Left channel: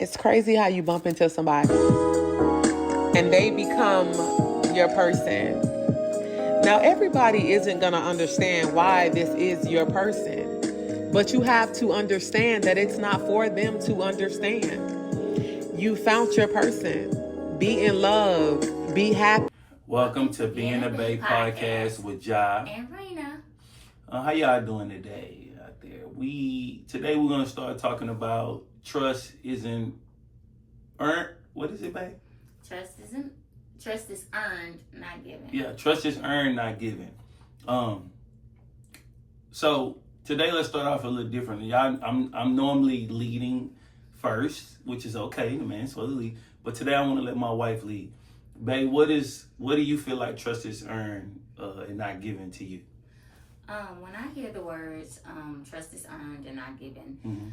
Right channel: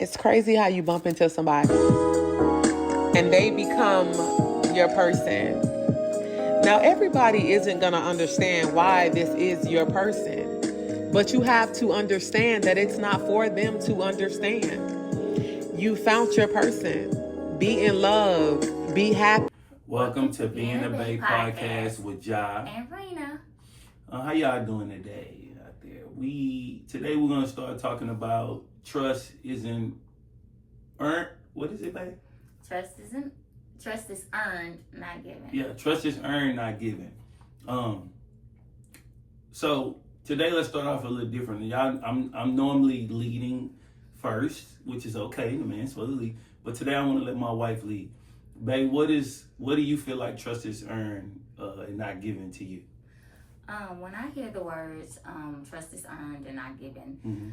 It's crazy how you bump into somebody and they become your person. Now, everybody isn't going to understand why this is your person, but you have to understand that it's not for them to understand. You found your person. Be in love. Be happy. Welcome to Being a Baes podcast with Ja and Raina. How y'all doing today out there? Today we're gonna start talking about trust isn't earned. What is it, babe? Trust is earned, not given. Yeah, trust is earned, not given. So today let's start off a little different. Y'all, I'm normally leading first, which is okay. The man's supposed to lead, but today I want to let my wife lead. Babe, what do you feel like trust is earned and not given to you? When I hear the words trust is earned and not given, Mm-hmm.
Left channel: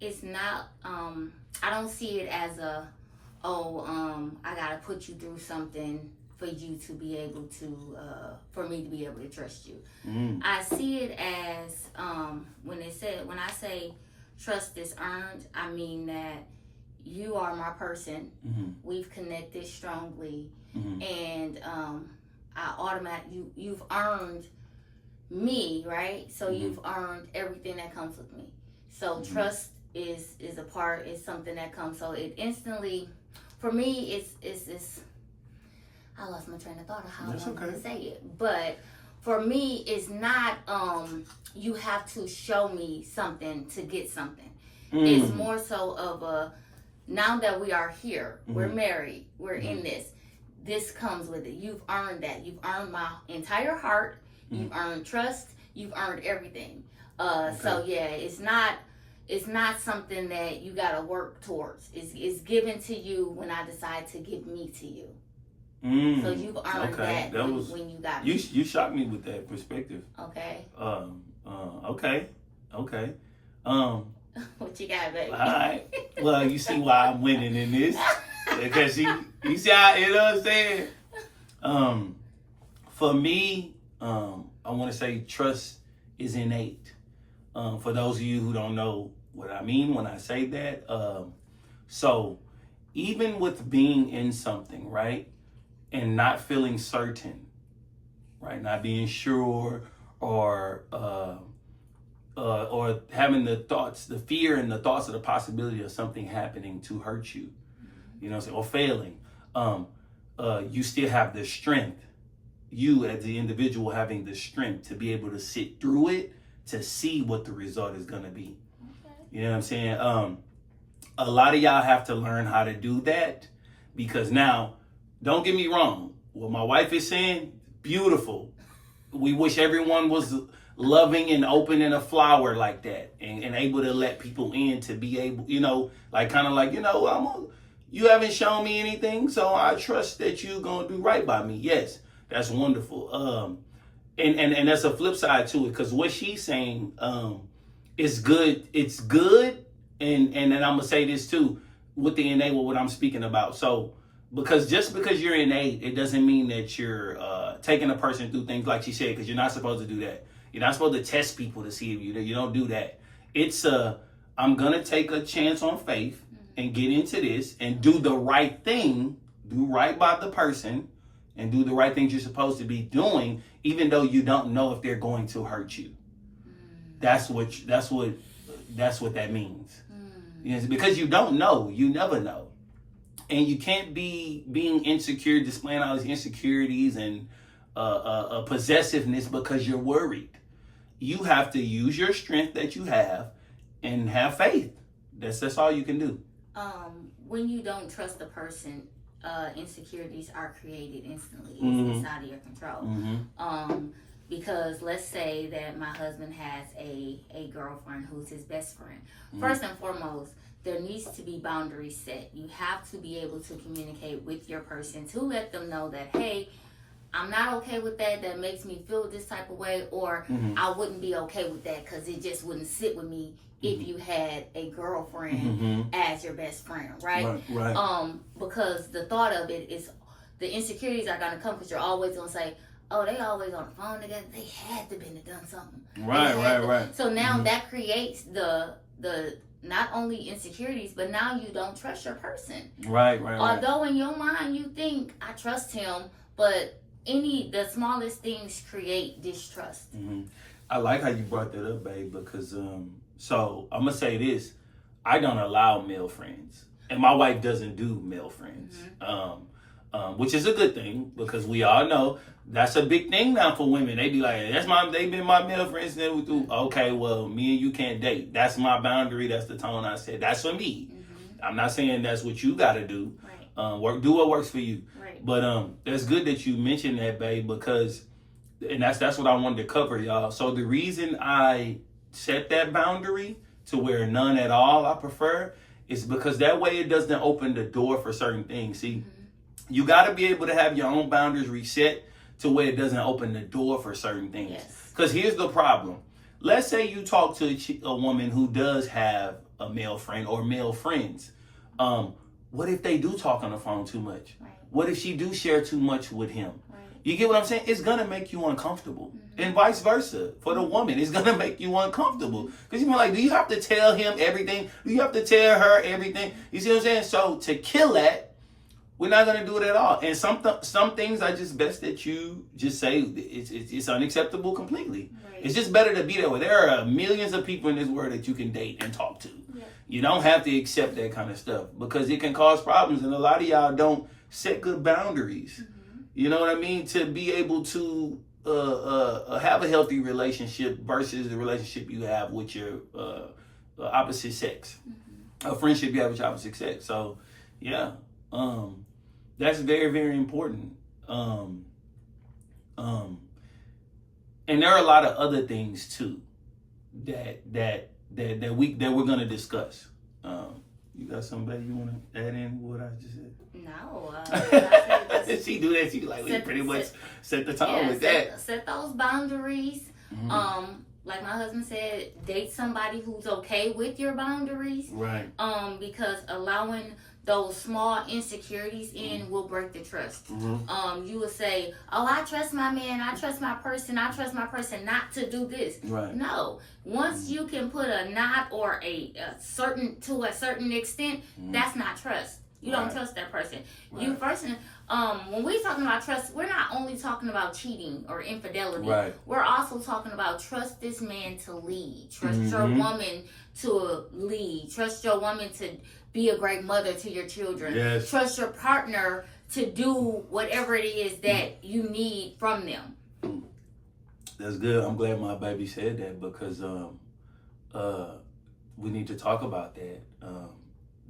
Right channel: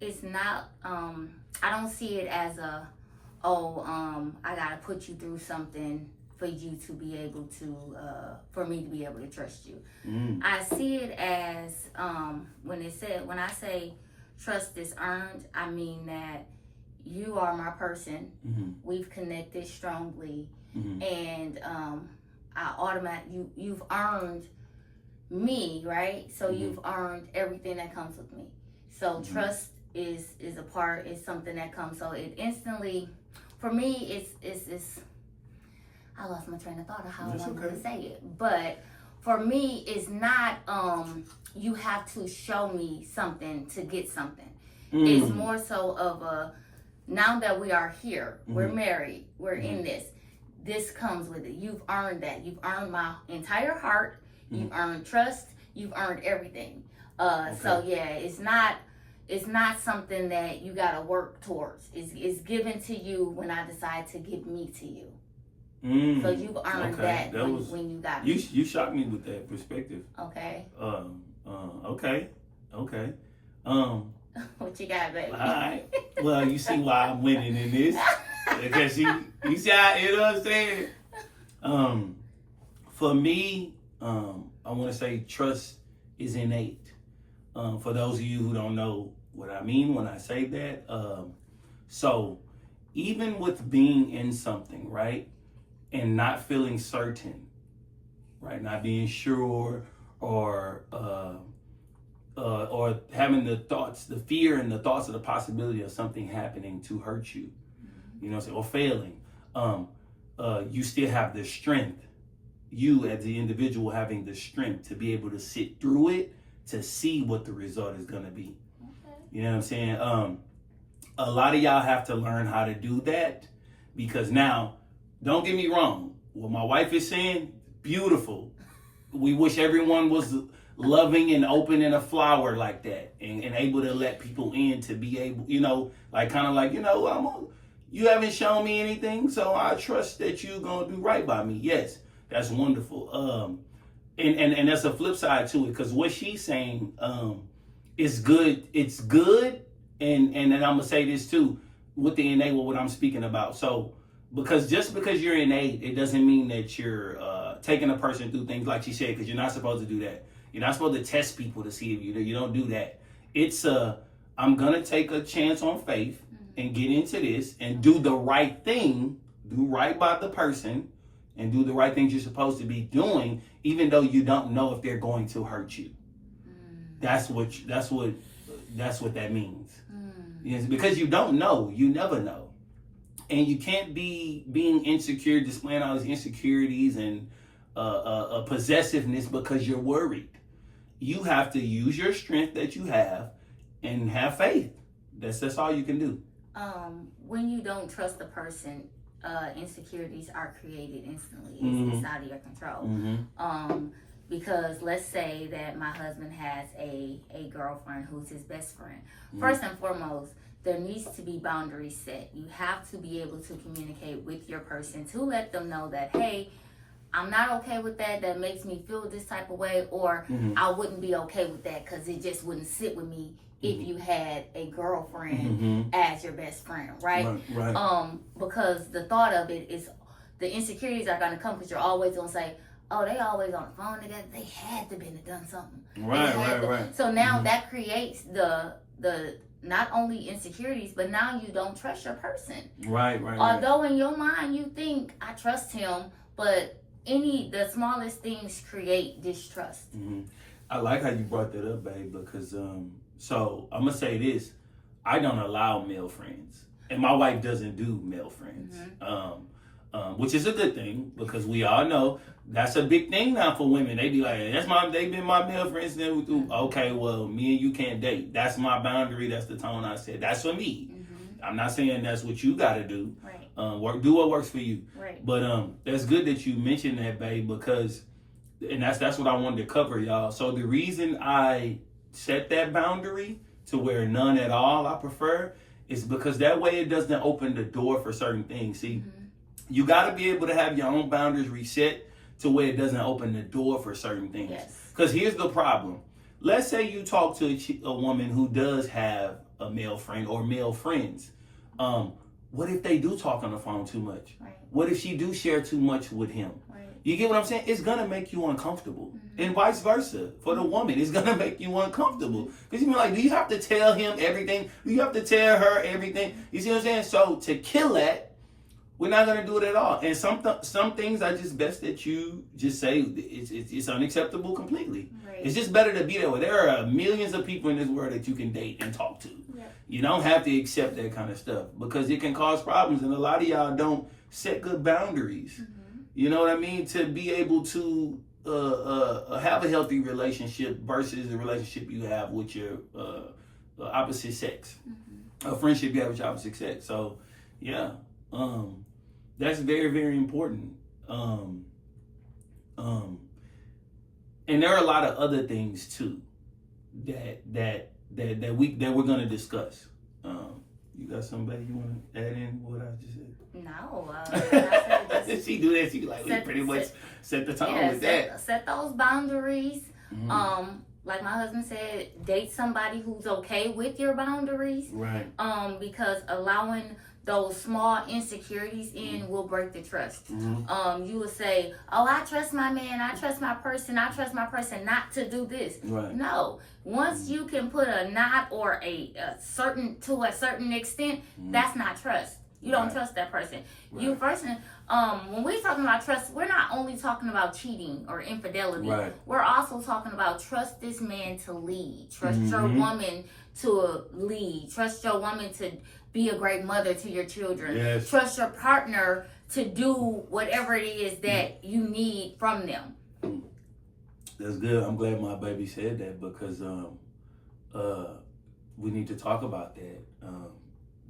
it's not. I don't see it as I gotta put you through something for you to be able to, for me to be able to trust you. Mm. I see it as when I say trust is earned, I mean that you are my person. Mm-hmm. We've connected strongly, Mm-hmm. and you've earned me, right? So Mm-hmm. you've earned everything that comes with me. So Mm-hmm. trust is something that comes. So it instantly, for me, it's I lost my train of thought of how That's I wanted okay. to say it, but for me, it's not you have to show me something to get something. Mm. It's more so of a, now that we are here, we're Mm-hmm. married, we're in this comes with it. You've earned that. You've earned my entire heart. You've earned trust. You've earned everything. So yeah, it's not something that you gotta work towards. It's given to you when I decide to give me to you. Mm. So you've earned that when you got me. You shocked me with that perspective. Okay. Okay. What you got, baby? All right. Well, you see why I'm winning in this. Because you see how, you know what I'm saying? For me, I want to say trust is innate. For those of you who don't know what I mean when I say that, so even with being in something, right, and not feeling certain, right, not being sure, or having the fear and the thoughts of the possibility of something happening to hurt you, you know, or failing, you still have the strength. You as the individual having the strength to be able to sit through it, to see what the result is going to be. Okay. You know what I'm saying? A lot of y'all have to learn how to do that, because now, don't get me wrong, what my wife is saying, beautiful. We wish everyone was loving and open and a flower like that, and able to let people in, to be able, you know, like kind of like, you know, you haven't shown me anything, so I trust that you're going to do right by me. Yes, that's wonderful. And that's a flip side to it, because what she's saying is good. It's good. And I'm going to say this too, with the innate, what I'm speaking about. So, because you're innate, it doesn't mean that you're taking a person through things like she said, because you're not supposed to do that. You're not supposed to test people to see if you don't do that. It's I'm going to take a chance on faith and get into this and do the right thing, do right by the person, and do the right things you're supposed to be doing, even though you don't know if they're going to hurt you. That's what that means. Yes, because you don't know, you never know. And you can't be being insecure, displaying all these insecurities and a possessiveness because you're worried. You have to use your strength that you have and have faith. That's all you can do. When you don't trust the person, insecurities are created instantly. It's out of your control. Mm-hmm. Because let's say that my husband has a girlfriend who's his best friend. First and foremost, there needs to be boundaries set. You have to be able to communicate with your person to let them know that, hey, I'm not okay with that. That makes me feel this type of way, or I wouldn't be okay with that because it just wouldn't sit with me if you had a girlfriend as your best friend, right? Right. Because the thought of it is the insecurities are going to come because you're always going to say, oh, they always on the phone together. They had to been done something. Right. So now that creates the not only insecurities, but now you don't trust your person. Right. Although in your mind you think I trust him, but the smallest things create distrust. Mm-hmm. I like how you brought that up, babe, because so I'm gonna say this: I don't allow male friends, and my wife doesn't do male friends, which is a good thing because we all know that's a big thing now for women. They be like, they've been my male friends, and then we do. Okay, well, me and you can't date. That's my boundary. That's the tone I said. That's for me. I'm not saying that's what you got to do. Right. Do what works for you. Right. But that's good that you mentioned that, babe, because, and that's what I wanted to cover, y'all. So the reason I set that boundary to where none at all I prefer is because that way it doesn't open the door for certain things. See, you got to be able to have your own boundaries reset to where it doesn't open the door for certain things. Yes. Because here's the problem. Let's say you talk to a woman who does have a male friend or male friends. What if they do talk on the phone too much? Right. What if she do share too much with him? Right. You get what I'm saying? It's gonna make you uncomfortable, and vice versa for the woman. It's gonna make you uncomfortable because you're like, do you have to tell him everything? Do you have to tell her everything? You see what I'm saying? So to kill that, we're not gonna do it at all. And some things are just best that you just say it's unacceptable completely. Right. It's just better to be that way. There are millions of people in this world that you can date and talk to. Yep. You don't have to accept that kind of stuff because it can cause problems, and a lot of y'all don't set good boundaries. You know what I mean? To be able to have a healthy relationship versus the relationship you have with your opposite sex, a friendship you have with your opposite sex. So, yeah, that's very, very important. And there are a lot of other things too that we're gonna discuss. You got somebody you want to add in what I just said? No. She do that. She like we pretty much set the tone with that. Set those boundaries. Like my husband said, date somebody who's okay with your boundaries. Right. Because allowing those small insecurities in will break the trust. You will say, oh, I trust my man, I trust my person not to do this. Right. No. Once you can put a not or a certain extent, that's not trust. You don't trust that person. Right. You first, when we're talking about trust, we're not only talking about cheating or infidelity. Right. We're also talking about trust this man to lead. Trust your woman to lead. Trust your woman to be a great mother to your children. Yes. Trust your partner to do whatever it is that you need from them. That's good. I'm glad my baby said that because we need to talk about that.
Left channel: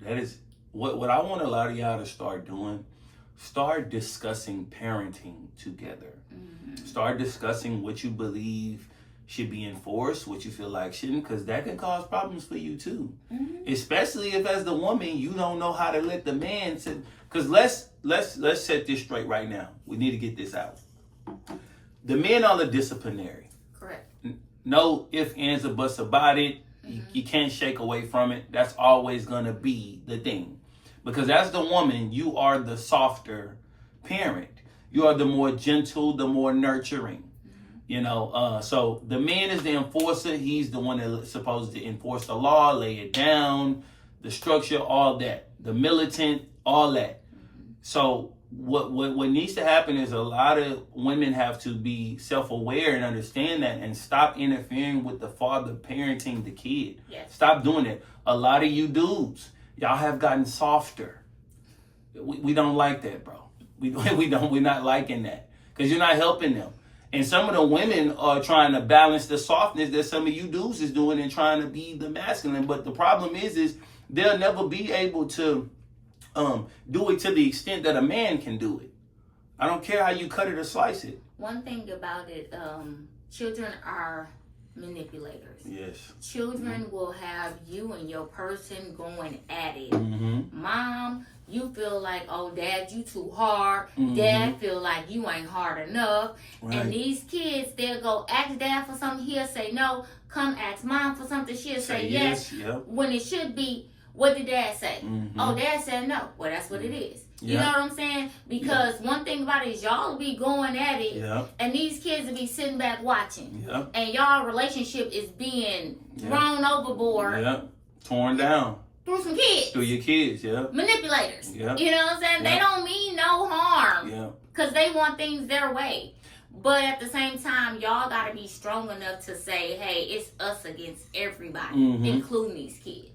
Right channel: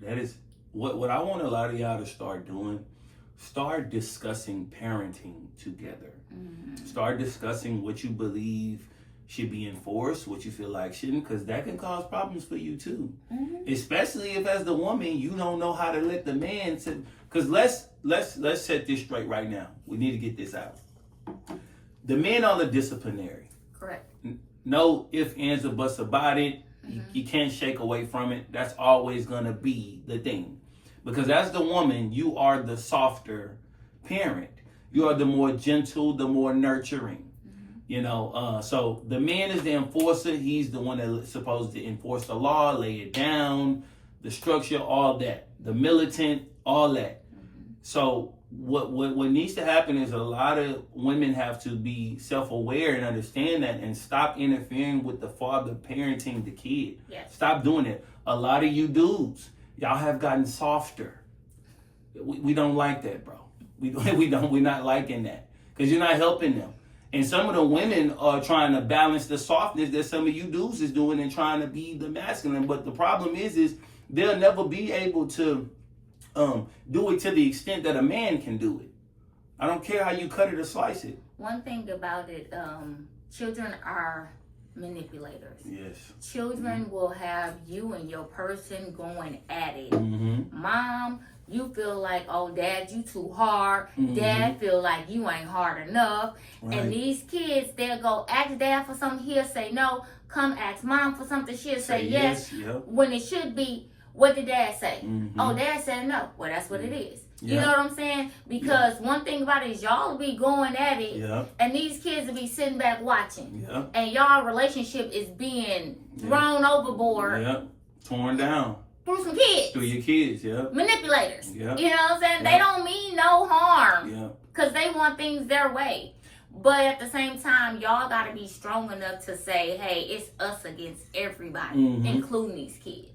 That is what I want a lot of y'all to start doing. Start discussing parenting together. Start discussing what you believe should be enforced, what you feel like shouldn't, because that can cause problems for you too. Especially if, as the woman, you don't know how to let the man. Because let's set this straight right now. We need to get this out. The men are the disciplinary. Correct. No ifs, ands, or buts about it. You can't shake away from it. That's always gonna be the thing. Because as the woman, you are the softer parent. You are the more gentle, the more nurturing. You know, so the man is the enforcer. He's the one that's supposed to enforce the law, lay it down, the structure, all that. The militant, all that. So what needs to happen is a lot of women have to be self-aware and understand that and stop interfering with the father parenting the kid. Yes. Stop doing it. A lot of you dudes, y'all have gotten softer. We don't like that, bro. We're not liking that because you're not helping them. And some of the women are trying to balance the softness that some of you dudes is doing and trying to be the masculine. But the problem is they'll never be able to do it to the extent that a man can do it. I don't care how you cut it or slice it. One thing about it, children are manipulators. Yes. Children will have you and your person going at it. Mom, you feel like, oh, Dad, you too hard. Dad feel like you ain't hard enough. Right. And these kids, they'll go ask Dad for something. He'll say no. Come ask Mom for something. She'll say yes. Yep. When it should be, what did Dad say? Oh, Dad said no. Well, that's what it is. You know what I'm saying? Because one thing about it is y'all will be going at it, and these kids will be sitting back watching. And y'all relationship is being thrown overboard. torn down through some kids. through your kids, yeah. Manipulators. Yeah. You know what I'm saying? Yeah. They don't mean no harm. Yeah. Because they want things their way. But at the same time, y'all got to be strong enough to say, hey, it's us against everybody, including these kids.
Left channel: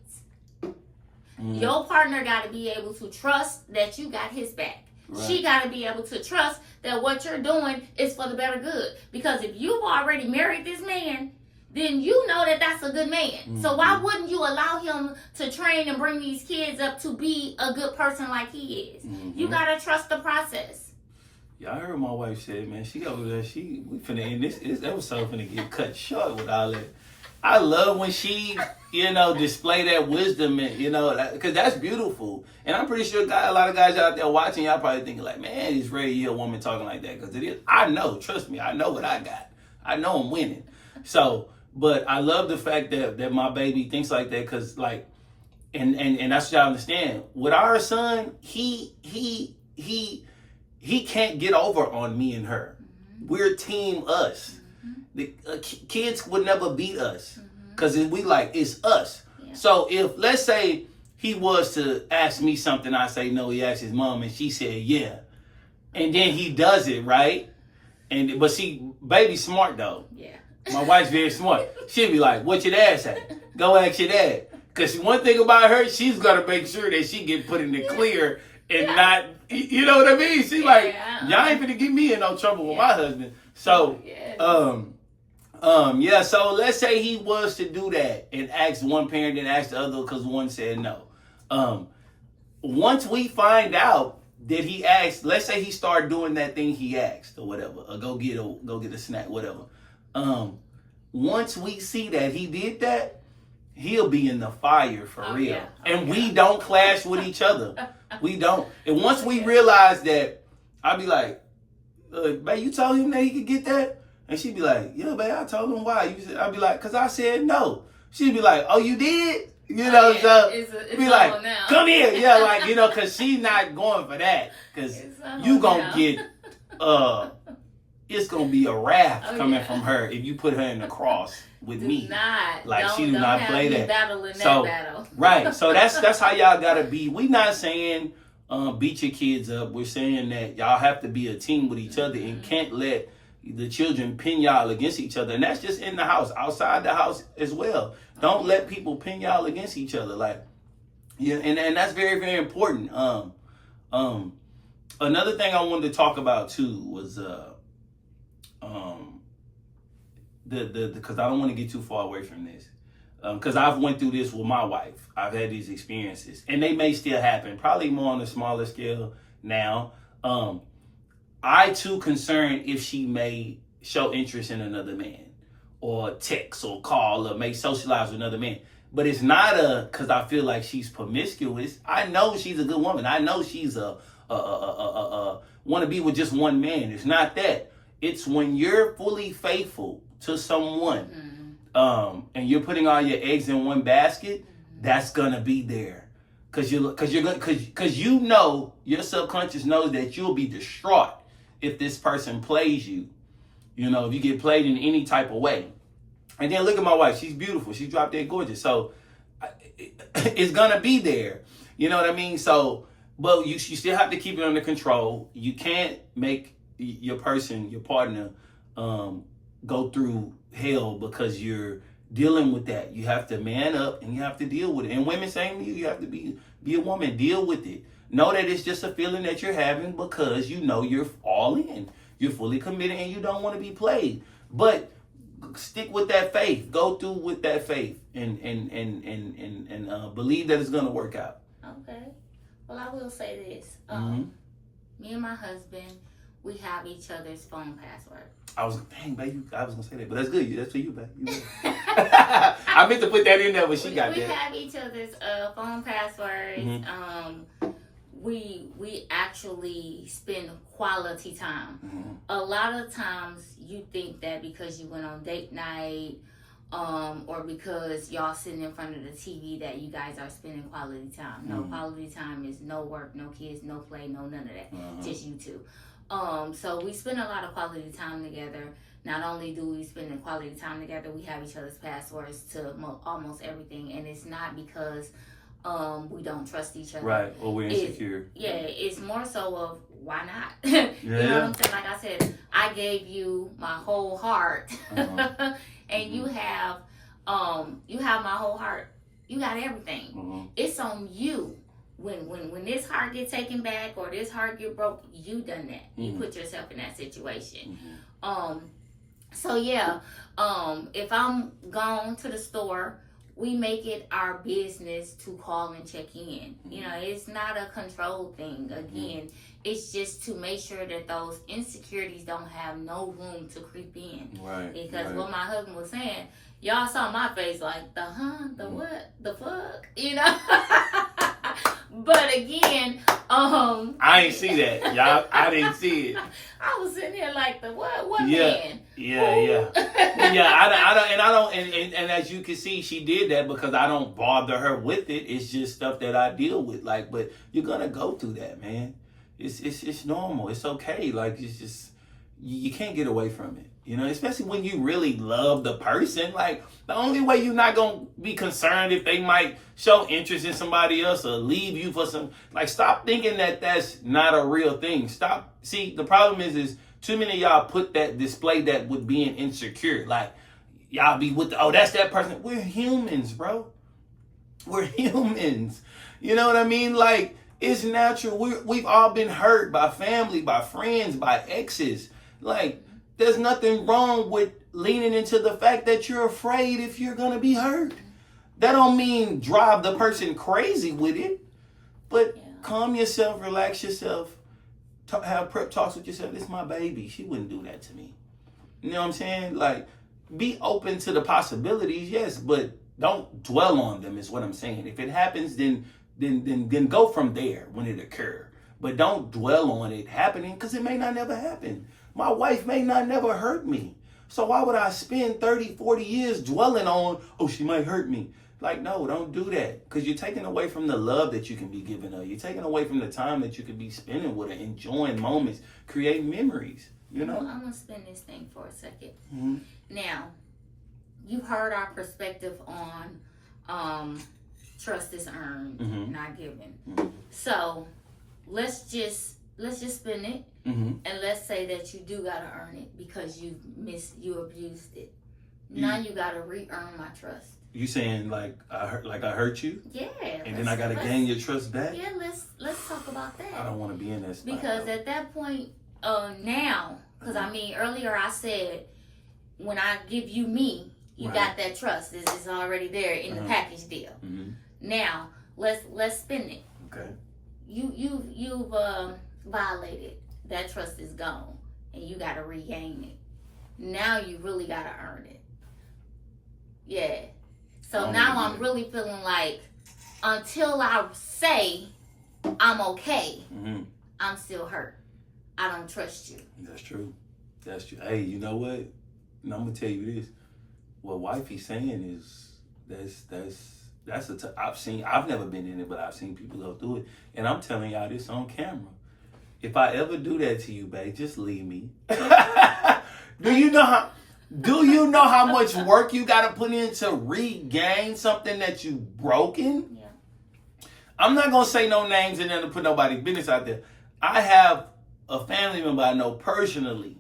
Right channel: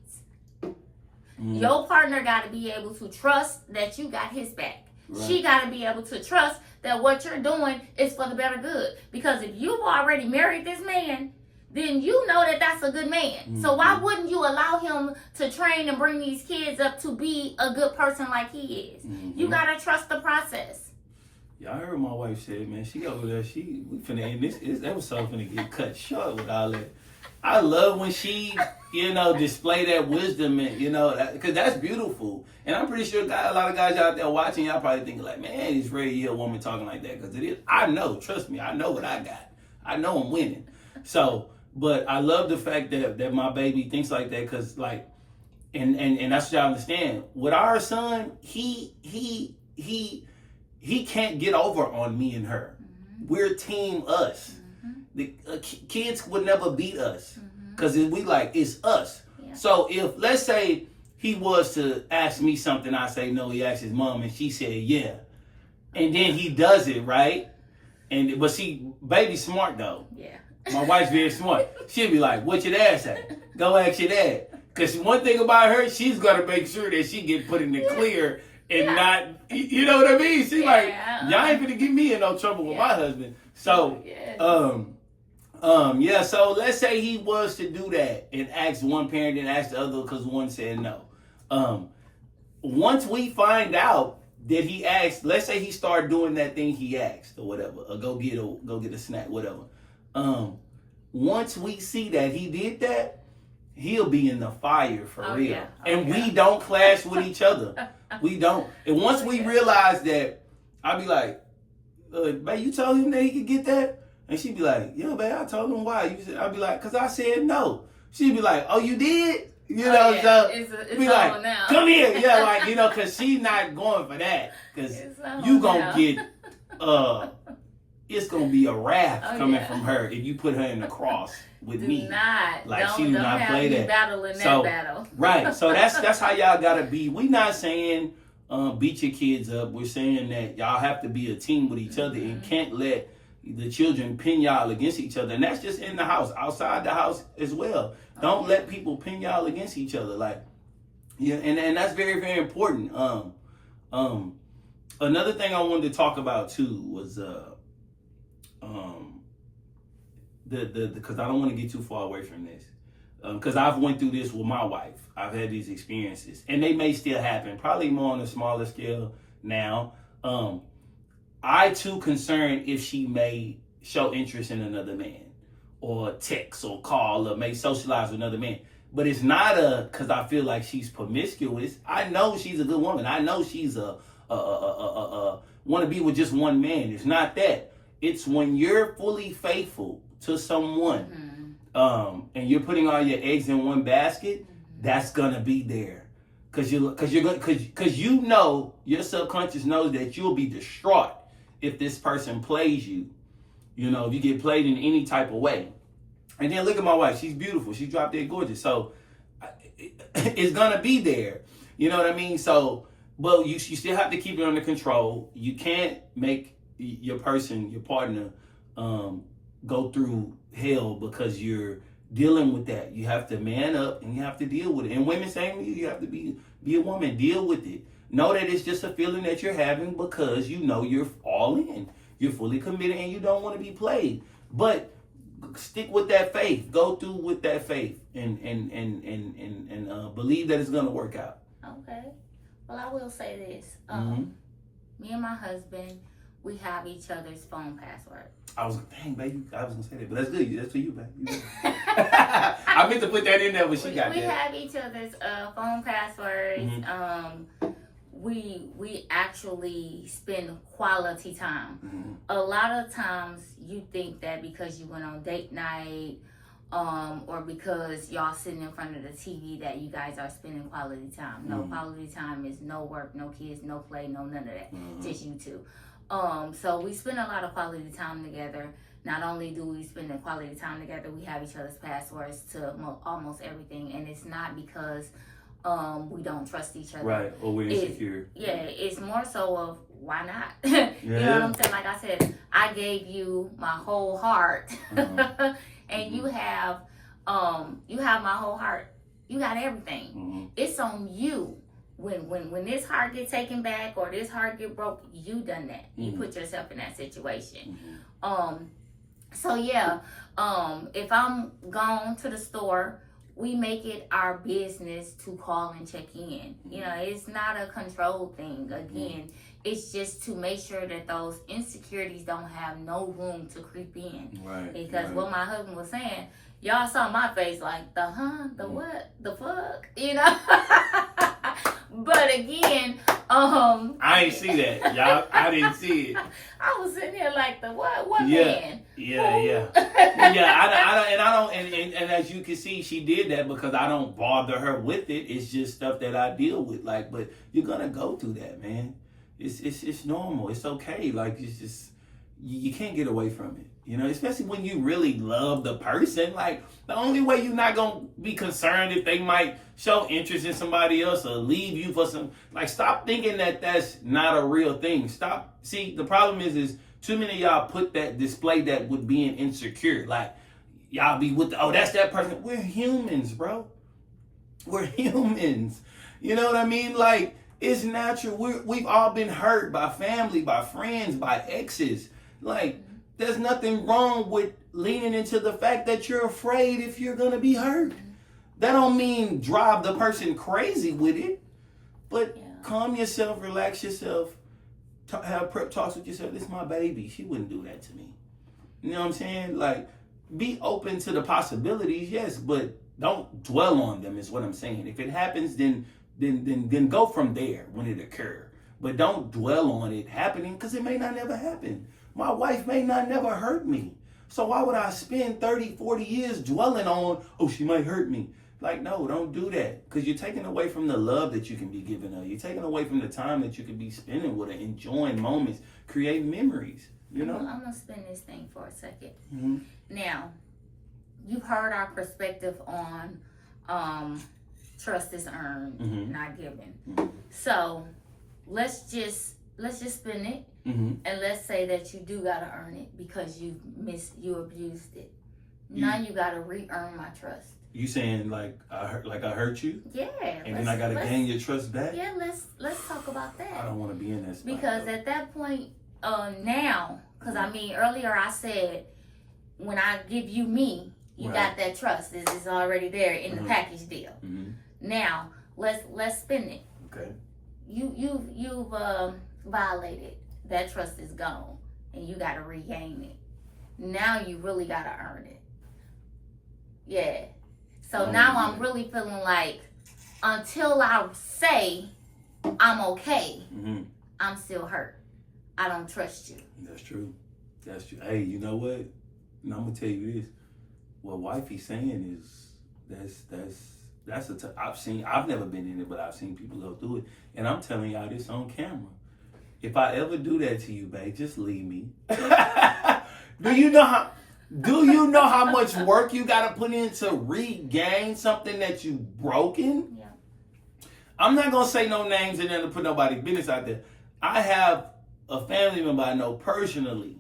Your partner got to be able to trust that you got his back. Right. She got to be able to trust that what you're doing is for the better good. Because if you've already married this man, then you know that that's a good man. So why wouldn't you allow him to train and bring these kids up to be a good person like he is? You got to trust the process. Yeah, I heard my wife say, man, she over there, we finna end this episode finna get cut short with all that. I love when she, display that wisdom and, because that's beautiful. And I'm pretty sure a lot of guys out there watching, y'all probably thinking like, man, it's rare to hear a woman talking like that. Because it is. I know, trust me, I know what I got. I know I'm winning. So, but I love the fact that my baby thinks like that because, like, and that's what y'all understand. With our son, he can't get over on me and her. We're team us. The kids would never beat us because it's us. Yeah. So if, let's say, he was to ask me something, I say no, he asked his mom and she said yeah. And then he does it, right? But see, baby's smart though. Yeah. My wife's very smart. She'll be like, what your dad say? Go ask your dad. Because one thing about her, she's going to make sure that she get put in the clear and not, you know what I mean? She's like, y'all ain't gonna get me in no trouble with my husband. So, so let's say he was to do that and ask one parent and ask the other because one said no. Once we find out that he asked, let's say he started doing that thing he asked or whatever, or go get a snack, whatever. Once we see that he did that, he'll be in the fire for real. Yeah. And we don't clash with each other. We don't. And once we realize that, I'll be like, babe, you told him that he could get that? And she'd be like, yeah, babe, I told him why. I'll be like, because I said no. She'd be like, oh, you did? So it's be like, now. Come here. Yeah, because she's not going for that. Because you going to get, it's going to be a wrath coming from her if you put her in the cross with me. She do not play that. Battle in that battle. Right. So that's how y'all got to be. We not saying beat your kids up. We're saying that y'all have to be a team with each other and can't let the children pin y'all against each other. And that's just in the house, outside the house as well. Don't let people pin y'all against each other. And that's very, very important. Another thing I wanted to talk about too was because I don't want to get too far away from this. Because I've went through this with my wife. I've had these experiences. And they may still happen, probably more on a smaller scale now. I too concerned if she may show interest in another man or text or call or may socialize with another man. But it's not because I feel like she's promiscuous. I know she's a good woman. I know she's want to be with just one man. It's not that. It's when you're fully faithful to someone and you're putting all your eggs in one basket, that's gonna be there. Cause you know your subconscious knows that you'll be distraught if this person plays you. If you get played in any type of way. And then look at my wife. She's beautiful. She's drop dead gorgeous. So it's gonna be there. You know what I mean? So, but you still have to keep it under control. You can't make your partner, go through hell because you're dealing with that. You have to man up and you have to deal with it. And women, same to you. You have to be a woman. Deal with it. Know that it's just a feeling that you're having because you know you're all in. You're fully committed and you don't want to be played. But stick with that faith. Go through with that faith and believe that it's going to work out. Okay. Well, I will say this. Me and my husband, we have each other's phone password. I was going to say that, but that's good. That's for you, babe. I meant to put that in there when she got there. We have each other's phone passwords. We actually spend quality time. A lot of times you think that because you went on date night or because y'all sitting in front of the TV that you guys are spending quality time. No, quality time is no work, no kids, no play, no none of that. Just you two. So we spend a lot of quality time together. not only do we spend the quality time together, we have each other's passwords to almost everything, and it's not because we don't trust each other. Right, or we're insecure. It's more so of why not? You know what I'm saying? Like I said, I gave you my whole heart, and you have my whole heart. You got everything. It's on you. When this heart get taken back or this heart get broke, you done that. You put yourself in that situation. So yeah, if I'm gone to the store, we make it our business to call and check in. You know, it's not a control thing. Again, it's just to make sure that those insecurities don't have no room to creep in. Right. Because what my husband was saying, y'all saw my face like, the what, the fuck, you know? But again, I ain't see that, y'all. I didn't see it. I was sitting here like the what man? Yeah. And as you can see, she did that because I don't bother her with it. It's just stuff that I deal with. Like, but you're gonna go through that, man. It's normal. It's okay. Like, it's just you can't get away from it. You know, especially when you really love the person. Like, the only way you're not gonna be concerned if they might show interest in somebody else or leave you for some. Like, stop thinking that that's not a real thing. Stop. See, the problem is too many of y'all display that with being insecure. Like, y'all be with that's that person. We're humans, bro. We're humans. You know what I mean? Like, it's natural. We've all been hurt by family, by friends, by exes. Like, there's nothing wrong with leaning into the fact that you're afraid if you're going to be hurt. That don't mean drive the person crazy with it, but calm yourself, relax yourself, have prep talks with yourself. This is my baby. She wouldn't do that to me. You know what I'm saying? Like, be open to the possibilities, yes, but don't dwell on them is what I'm saying. If it happens, then go from there when it occurs. But don't dwell on it happening because it may not never happen. My wife may not never hurt me. So why would I spend 30, 40 years dwelling on, she might hurt me? Like, no, don't do that. Because you're taking away from the love that you can be giving her. You're taking away from the time that you could be spending with her, enjoying moments, creating memories, you know? I'm going to spin this thing for a second. Now, you heard our perspective on trust is earned, not given. So let's just spin it. And let's say that you do gotta earn it because you abused it. Now you gotta re-earn my trust. You saying like I hurt you? Yeah. And then I gotta gain your trust back? Yeah, let's talk about that. I don't want to be in that spot. Because at that point, now, because I mean earlier I said when I give you me, you got that trust. It's already there in the package deal. Now let's spin it. Okay. You've violated. That trust is gone and you got to regain it. Now you really got to earn it. Yeah. So now I'm really feeling like until I say I'm okay, I'm still hurt. I don't trust you. That's true. Hey, you know what? And I'm going to tell you this. What wifey's saying is I've never been in it, but I've seen people go through it. And I'm telling y'all this on camera. If I ever do that to you, babe, just leave me. Do you know how much work you gotta put in to regain something that you've broken? Yeah. I'm not gonna say no names and then put nobody's business out there. I have a family member I know personally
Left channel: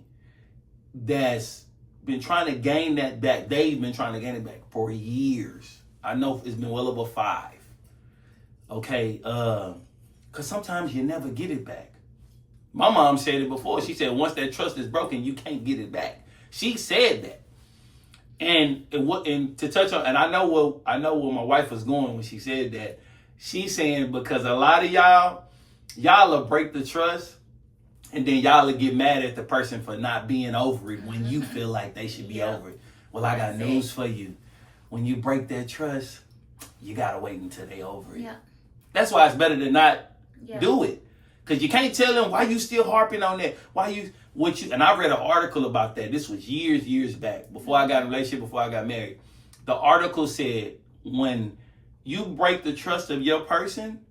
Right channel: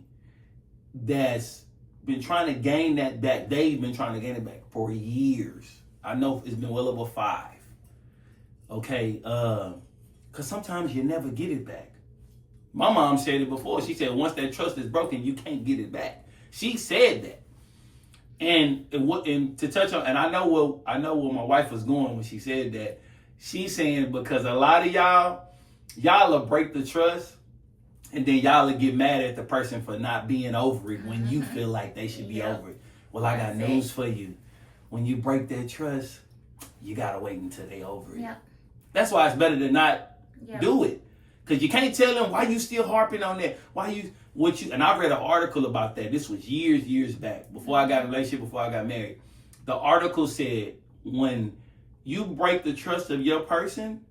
that's been trying to gain that back. They've been trying to gain it back for years. I know it's been well over 5. Okay, because sometimes you never get it back. My mom said it before. She said once that trust is broken, you can't get it back. She said that. And to touch on, and I know where my wife was going when she said that. She's saying because a lot of y'all will break the trust, and then y'all will get mad at the person for not being over it when you feel like they should be over it. Well, I got news for you. When you break that trust, you gotta wait until they over it. Yeah. That's why it's better to not do it. Because you can't tell them why you still harping on that. And I read an article about that. This was years back. Before I got in a relationship, before I got married. The article said when you break the trust of your person,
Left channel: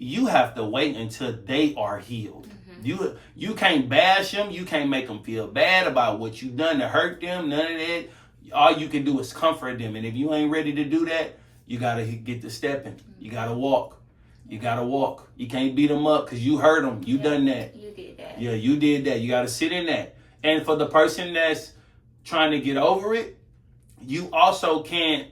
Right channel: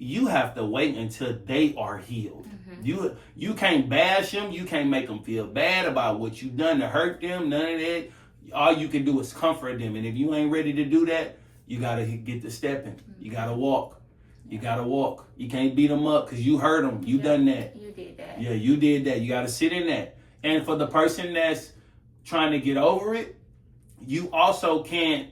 you have to wait until they are healed. You can't bash them. You can't make them feel bad about what you done to hurt them. None of that. All you can do is comfort them. And if you ain't ready to do that, you got to get to stepping. You got to walk. You got to walk. You can't beat them up because you hurt them. You done that. You did that. Yeah, you did that. You got to sit in that. And for the person that's trying to get over it, you also can't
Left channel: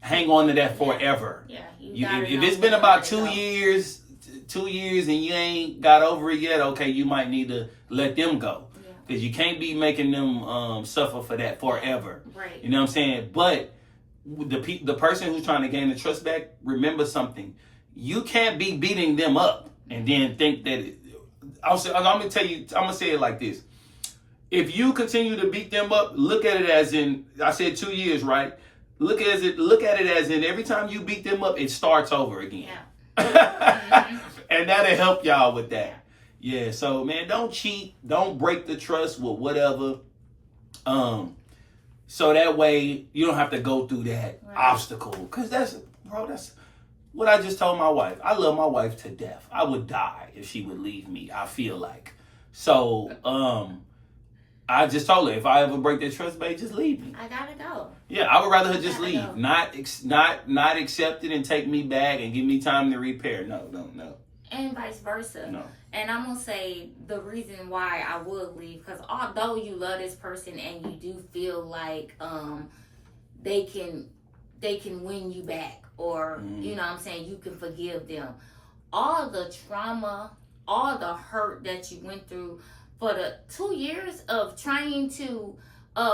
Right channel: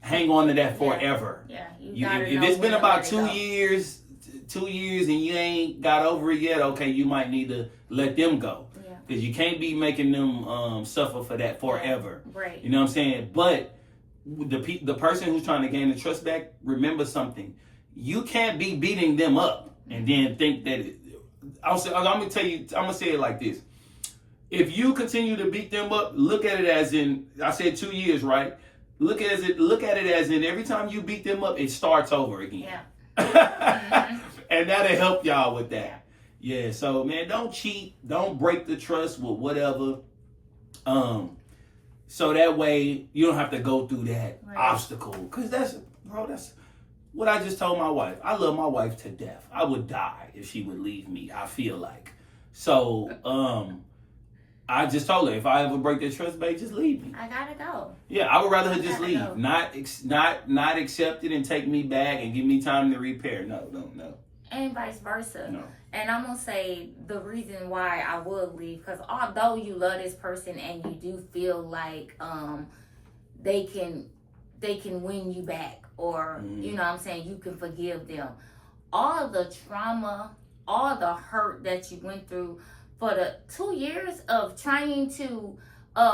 hang on to that forever. Yeah, if it's been about 2 years, 2 years and you ain't got over it yet, okay, you might need to let them go. Because you can't be making them suffer for that forever. Right. You know what I'm saying? But the person who's trying to gain the trust back, remember something. You can't be beating them up and then think that I'm going to say it like this. If you continue to beat them up, look at it as in, I said 2 years, right? Look at it as in every time you beat them up, it starts over again. Yeah. And that'll help y'all with that. Yeah, so man, don't cheat, don't break the trust with whatever. So that way you don't have to go through that obstacle. Cause that's what I just told my wife. I love my wife to death. I would die if she would leave me, I feel like. So I just told her, if I ever break that trust, babe, just leave me. I gotta go. Yeah, I would rather her just leave, not accept it and take me back and give me time to repair. No. And vice versa. No. And I'm gonna say the reason why I would leave, because although you love this person and you do feel like they can win you back, or you know what I'm saying, you can forgive them, all the trauma, all the hurt that you went through for the 2 years of trying to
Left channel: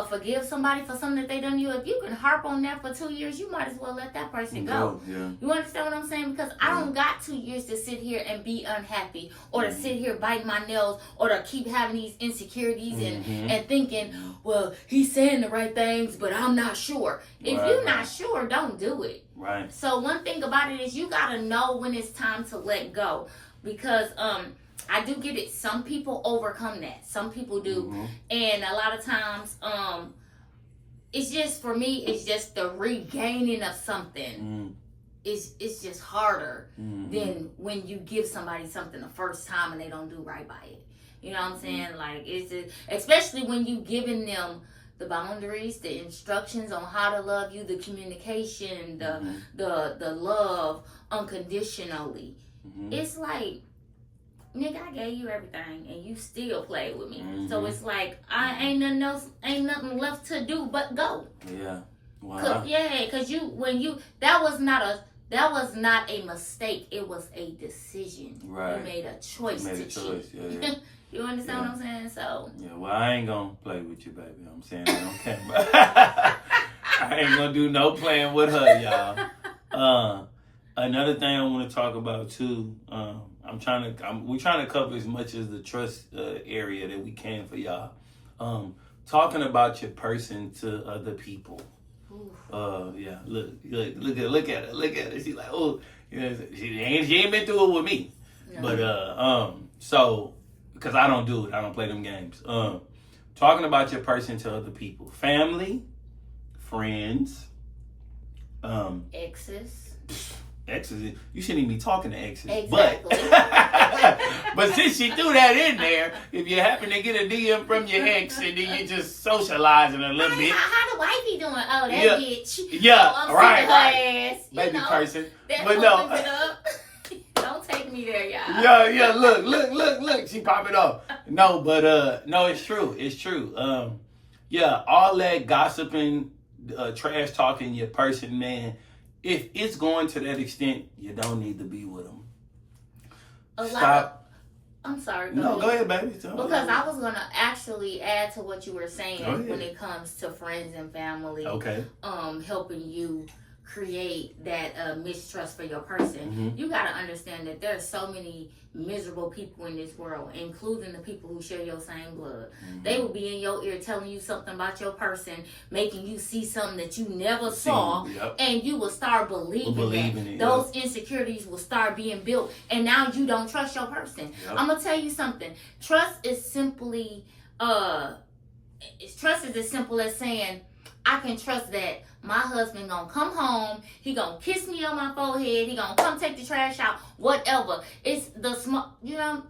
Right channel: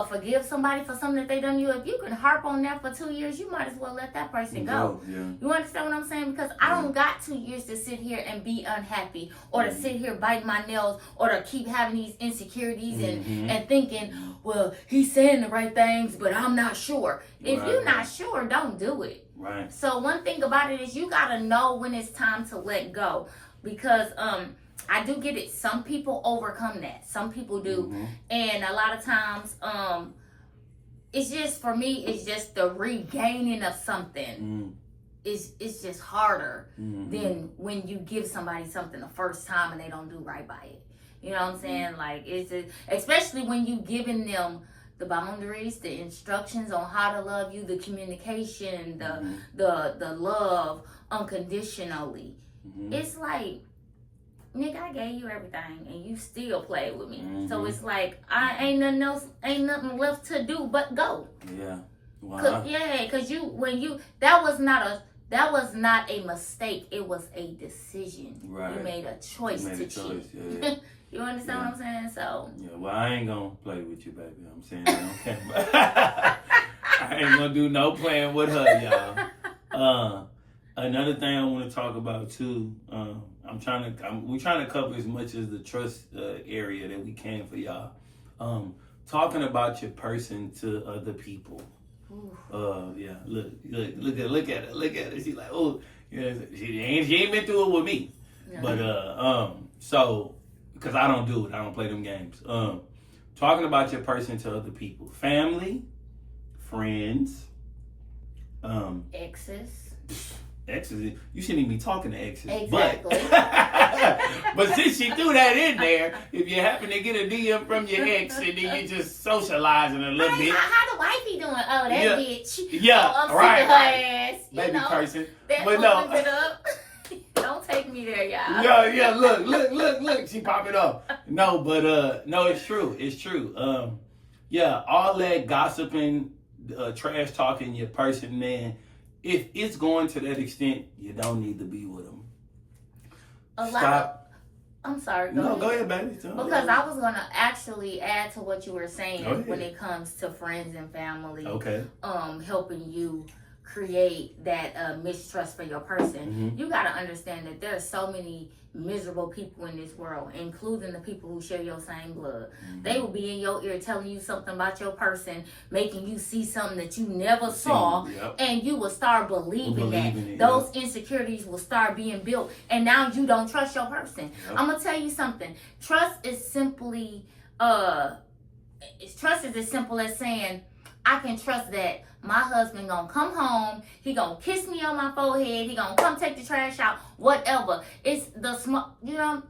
forgive somebody for something that they done you, if you can harp on that for 2 years, you might as well let that person go. Yeah. You understand what I'm saying? Because I don't got 2 years to sit here and be unhappy, or to sit here biting my nails, or to keep having these insecurities and thinking, well, he's saying the right things, but I'm not sure. If you're not sure, don't do it. Right. So one thing about it is you gotta know when it's time to let go, because I do get it. Some people overcome that. Some people do. And a lot of times, it's just, for me, it's just the regaining of something. It's just harder than when you give somebody something the first time and they don't do right by it. You know what I'm saying? Like, it's just, especially when you giving them the boundaries, the instructions on how to love you, the communication, the love unconditionally. It's like, nigga, I gave you everything and you still play with me. So it's like, I ain't nothing left to do but go. Yeah. Wow. Cause that was not a mistake. It was a decision. Right. You made a choice to cheat. Yeah. You understand what I'm saying? So. Yeah. Well, I ain't gonna play with you, baby. I'm saying that on camera. I ain't gonna do no playing with her, y'all. Another thing I want to talk about too. We're trying to cover as much as the trust area that we can for y'all. Talking about your person to other people. Yeah. Look at her. She's like, oh, you know, she ain't been through it with me. No. But so, because I don't do it, I don't play them games. Talking about your person to other people, family, friends, exes, you shouldn't even be talking to exes. Exactly. But since she threw that in there, if you happen to get a DM from your ex and then you just socializing a little bit. How the wifey doing? Oh, that bitch. Yeah, I'm right. Her ass. Baby person. But no. Don't take me there, y'all. Yeah, look. She popping off. No, but no, it's true. It's true. Yeah, all that gossiping, trash talking your person, man. If it's going to that extent, you don't need to be with them. I'm sorry. Go ahead, baby. Because I was going to actually add to what you were saying when it comes to friends and family. Okay. Helping you create that mistrust for your person. You got to understand that there are so many miserable people in this world, including the people who share your same blood. They will be in your ear telling you something about your person, making you see something that you never saw, and you will start believing that. Those insecurities will start being built, and now you don't trust your person. I'm gonna tell you something. Trust is simply trust is as simple as saying, I can trust that my husband gonna come home, he gonna kiss me on my forehead, he gonna come take the trash out, whatever. It's the small,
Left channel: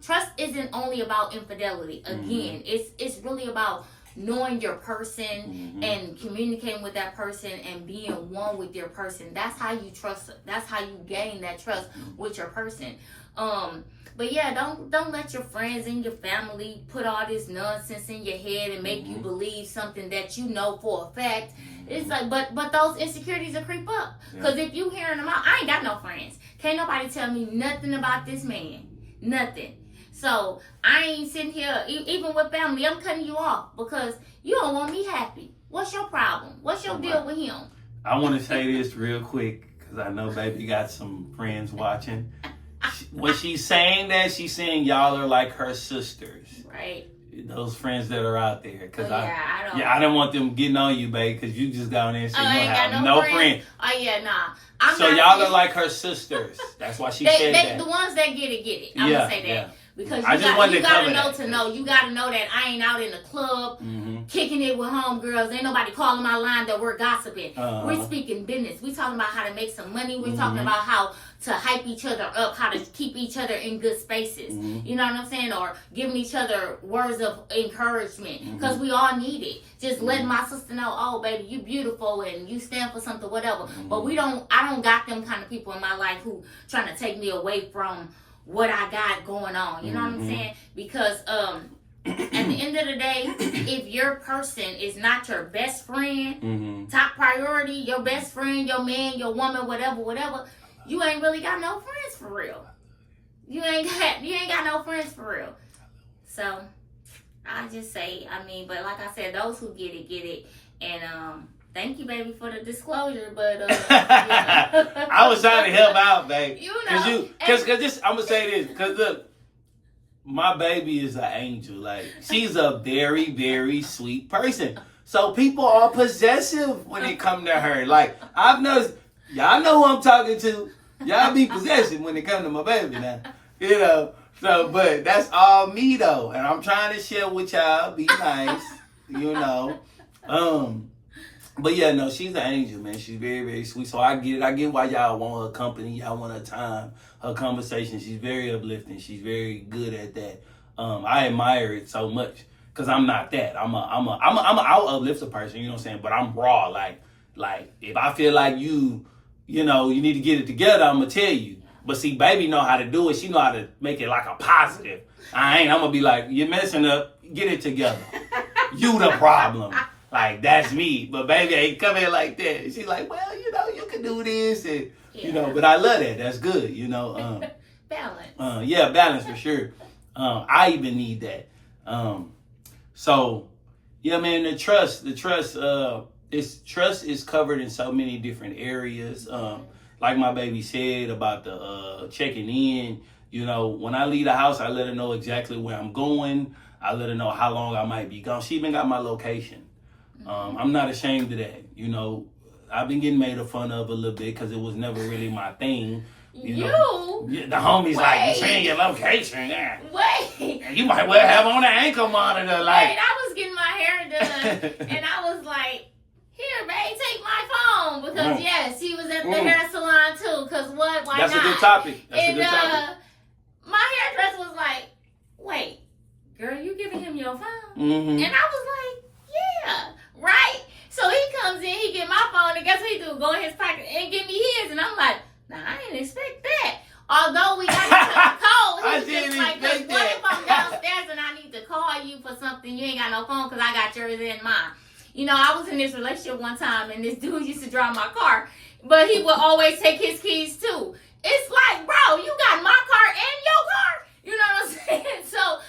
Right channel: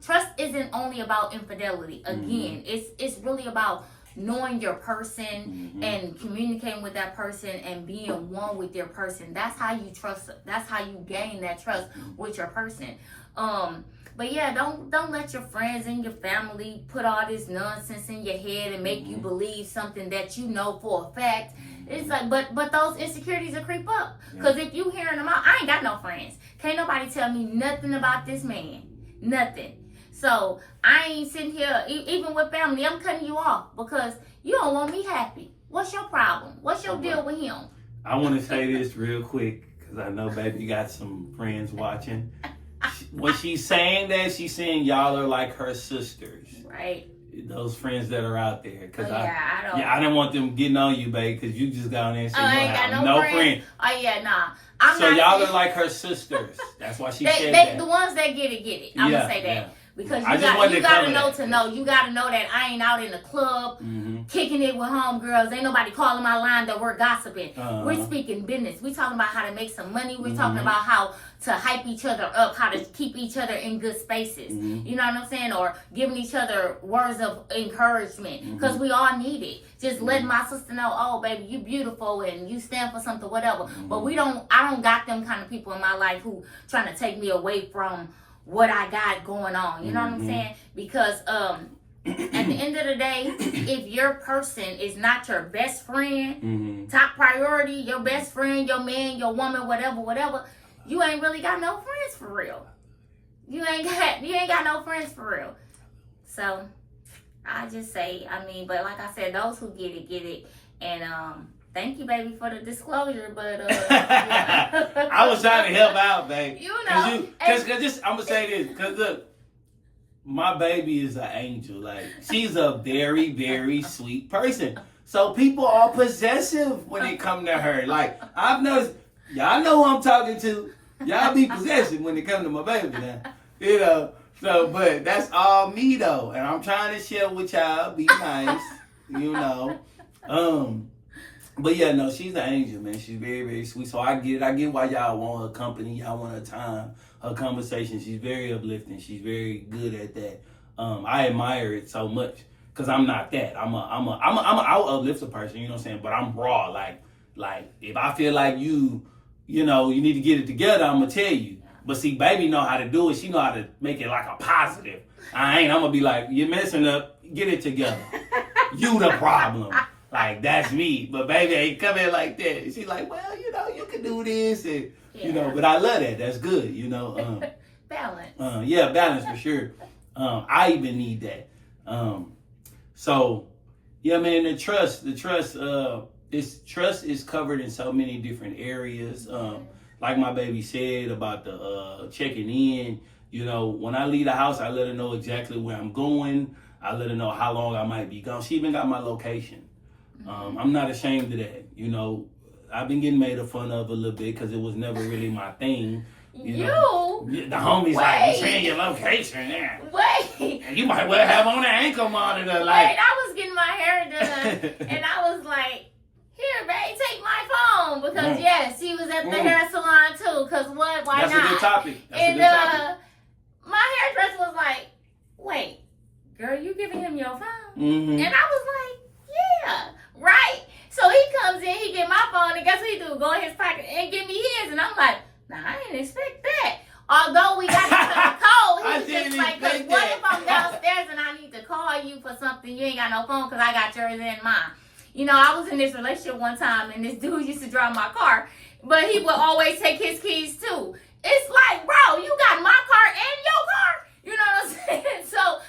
trust isn't only about infidelity. Again, it's really about knowing your person and communicating with that person and being one with your person. That's how you trust. That's how you gain that trust with your person. But yeah, don't let your friends and your family put all this nonsense in your head and make you believe something that you know for a fact. It's like, but those insecurities will creep up. Because if you hearing them out, I ain't got no friends. Can't nobody tell me nothing about this man. Nothing. So I ain't sitting here, even with family, I'm cutting you off because you don't want me happy. What's your problem? What's your deal with him? I want to say this real quick because I know, baby, you got some friends watching. When she's saying that, she's saying y'all are like her sisters. Right. Those friends that are out there. Cause I don't want them getting on you, babe, because you just got on there and said you don't have no friends. Oh, yeah, nah. Y'all are like her sisters. That's why she said that. The ones that get it. I'm going to say that. Yeah. Because you gotta know. You gotta know that I ain't out in the club kicking it with homegirls. Ain't nobody calling my line that we're gossiping. We're speaking business. We talking about how to make some money. We're talking about how to hype each other up, how to keep each other in good spaces. You know what I'm saying? Or giving each other words of encouragement. Because we all need it. Just letting my sister know, oh baby, you beautiful and you stand for something, whatever. But I don't got them kind of people in my life who trying to take me away from what I got going on. You know what I'm saying? Because at the end of the day, if your person is not your best friend, top priority, your best friend, your man, your woman, whatever, you ain't really got no friends for real. You ain't got no friends for real. So I just say, but like I said, those who get it. And thank you, baby, for the disclosure, but I was trying to help out, babe. Because I'm gonna say this, because look, my baby is an angel. Like, she's a very, very sweet person. So people are possessive when it come to her. Like, I've noticed, y'all know who I'm talking to. Y'all be possessive when it come to my baby now. So, but that's all me though, and I'm trying to share with y'all, be nice, But yeah, no, she's an angel, man. She's very, very sweet. So I get it. I get why y'all want her company. Y'all want her time, her conversation. She's very uplifting. She's very good at that. I admire it so much because I'm not that. I'll uplift a person. You know what I'm saying? But I'm raw. Like if I feel like you need to get it together, I'm gonna tell you. But see, baby know how to do it. She know how to make it like a positive. I'm gonna be like, you're messing up. Get it together. You the problem. Like, that's me. But baby ain't come in like that. She's like, well, you can do this. And, but I love that. That's good, Balance. Yeah, balance for sure. I even need that. So, yeah, man, the trust is covered in so many different areas. Like my baby said about the checking in. When I leave the house, I let her know exactly where I'm going. I let her know how long I might be gone. She even got my location. I'm not ashamed of that. I've been getting made fun of a little bit because it was never really my thing. The homies like, saying your location. Yeah. Wait. You might well have on an ankle monitor. Like, I was getting my hair done and I was like, here, babe, take my phone. Because, yes, he was at the hair salon too. Because what? Why That's not? That's a good topic. My hairdresser was like, wait, girl, you giving him your phone? And I was like, yeah, right? So he comes in, he get my phone, and guess what he do? Go in his pocket and give me his. And I'm like, nah, I didn't expect that. Although we got each other cold, he's just like, cause what if I'm downstairs and I need to call you for something, you ain't got no phone because I got yours and mine. I was in this relationship one time and this dude used to drive my car, but he would always take his keys too. It's like, bro, you got my car and your car? You know what I'm saying? So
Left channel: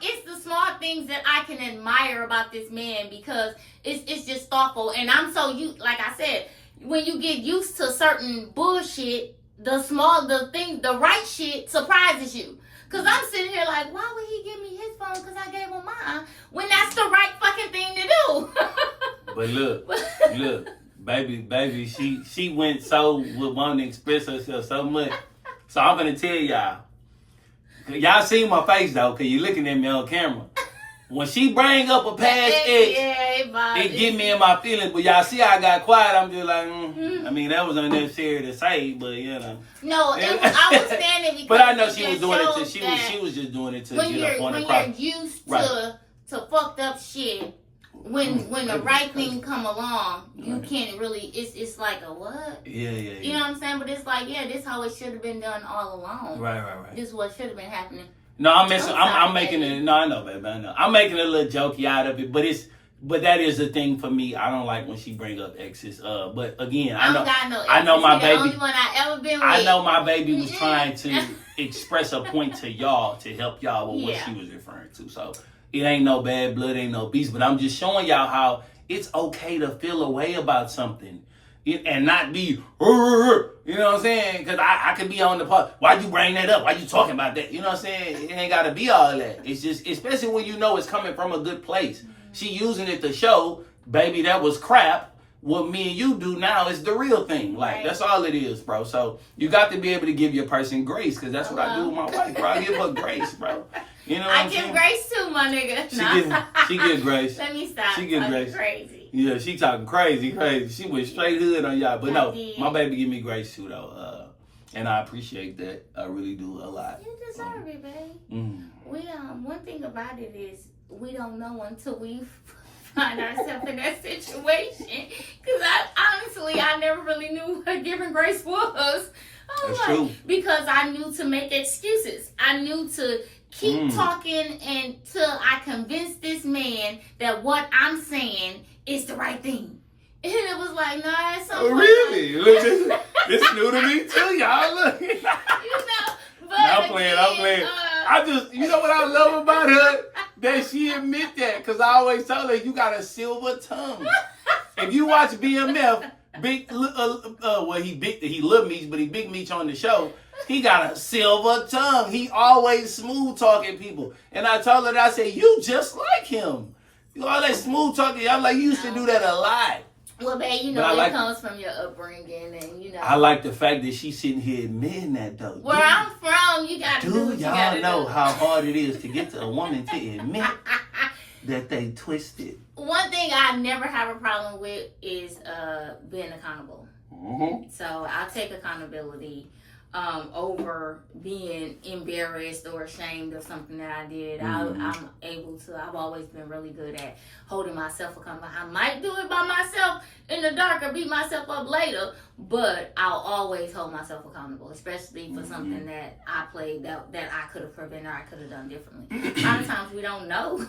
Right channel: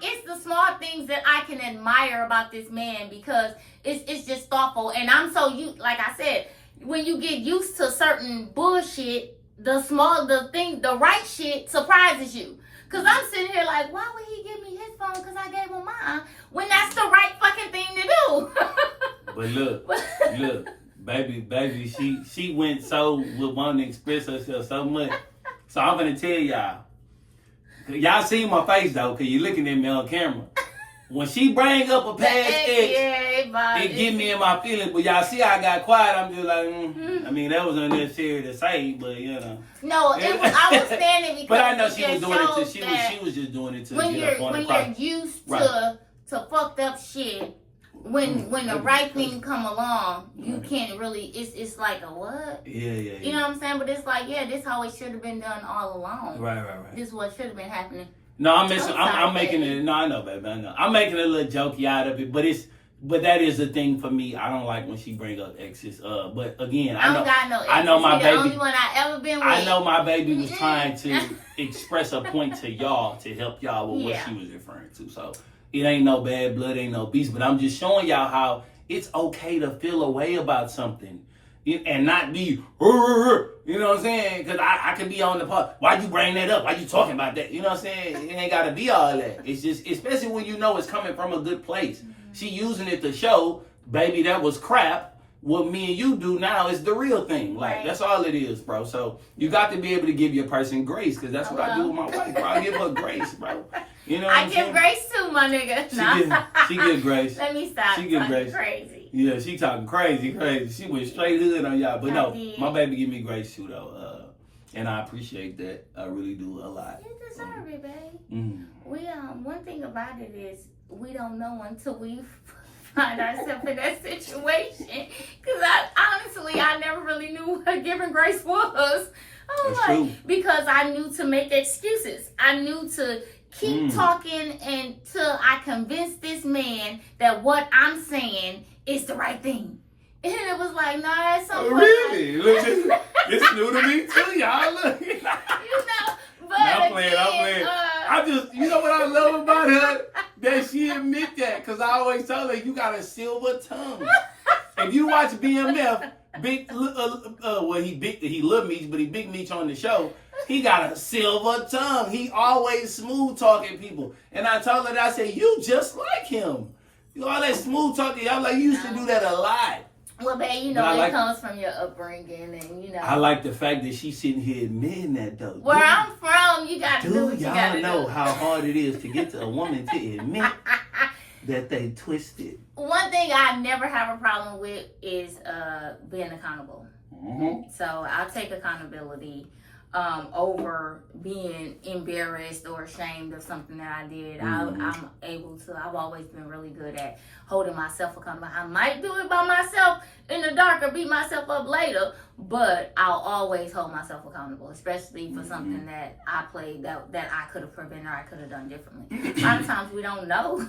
it's the small things that I can admire about this man because it's just thoughtful. And I'm so like I said, when you get used to certain bullshit, the right shit surprises you. Cause I'm sitting here like, why would he give me his phone? Cause I gave him mine when that's the right fucking thing to do. But look, baby, she went so with wanting to express herself so much. So I'm gonna tell y'all. Y'all see my face though, cause you're looking at me on camera. when she bring up a past ex, it get me in my feelings. But y'all see I got quiet. I'm just like, I mean, that was unnecessary to say, but you know. No, I was standing because. But I know she was doing it. She was just doing it to get up on the when you're used to fucked up shit. When the right thing come along, you can't really. It's like a what? Yeah. You know what I'm saying? But it's like, this how it should have been done all along. Right. This is what should have been happening. No, I'm making it. No, I know, baby. I know. I'm making a little jokey out of it, but that is the thing for me. I don't like when she bring up exes. But again, I know my baby. The only one I ever been with. I know my baby was trying to express a point to y'all to help y'all with what she was referring to. So. It ain't no bad blood, ain't no beast, but I'm just showing y'all how it's okay to feel a way about something and not be, you know what I'm saying? Because I could be on the part, why'd you bring that up? Why you talking about that? You know what I'm saying? It ain't got to be all that. It's just, especially when you know it's coming from a good place. She using it to show, baby, that was crap. What me and you do now is the real thing. Like, that's all it is, bro. So you got to be able to give your person grace, because that's what I do with my wife, bro. I give her grace, bro. You know what I'm saying? I give grace too, my nigga. She give grace. Let me stop. She give grace. Crazy. Yeah, she talking crazy. She went straight hood on y'all. But no, my baby give me grace too, though. And I appreciate that. I really do a lot. You deserve it, baby. We one thing about it is we don't know until we find ourselves in that situation. Because I never really knew what giving grace was. That's true. Because I knew to make excuses. I knew to keep talking until I convinced this man that what I'm saying is the right thing. And it was like, nah, that's something. Really? It's new to me too, y'all. Look. But I'm playing. I just, you know what I love about her? That she admit that. Because I always tell her, you got a silver tongue. If you watch BMF, he Lil Meech, but he Big Meech on the show. He got a silver tongue. He always smooth talking people. And I told her that, I said, you just like him. You all that smooth talking. I'm like, you used to do that a lot. Well, babe, you know, it comes from your upbringing, and you know. I like the fact that she's sitting here admitting that, though. Where I'm from, you got to do what you got to do. Y'all know how hard it is to get to a woman to admit that they twisted. One thing I never have a problem with is being accountable. So I'll take accountability over being embarrassed or ashamed of something that I did. I'm able to. I've always been really good at holding myself accountable. I might do it by myself in the dark or beat myself up later, but I'll always hold myself accountable, especially for something that I played that I could have prevented or I could have done differently. A lot of times we don't know.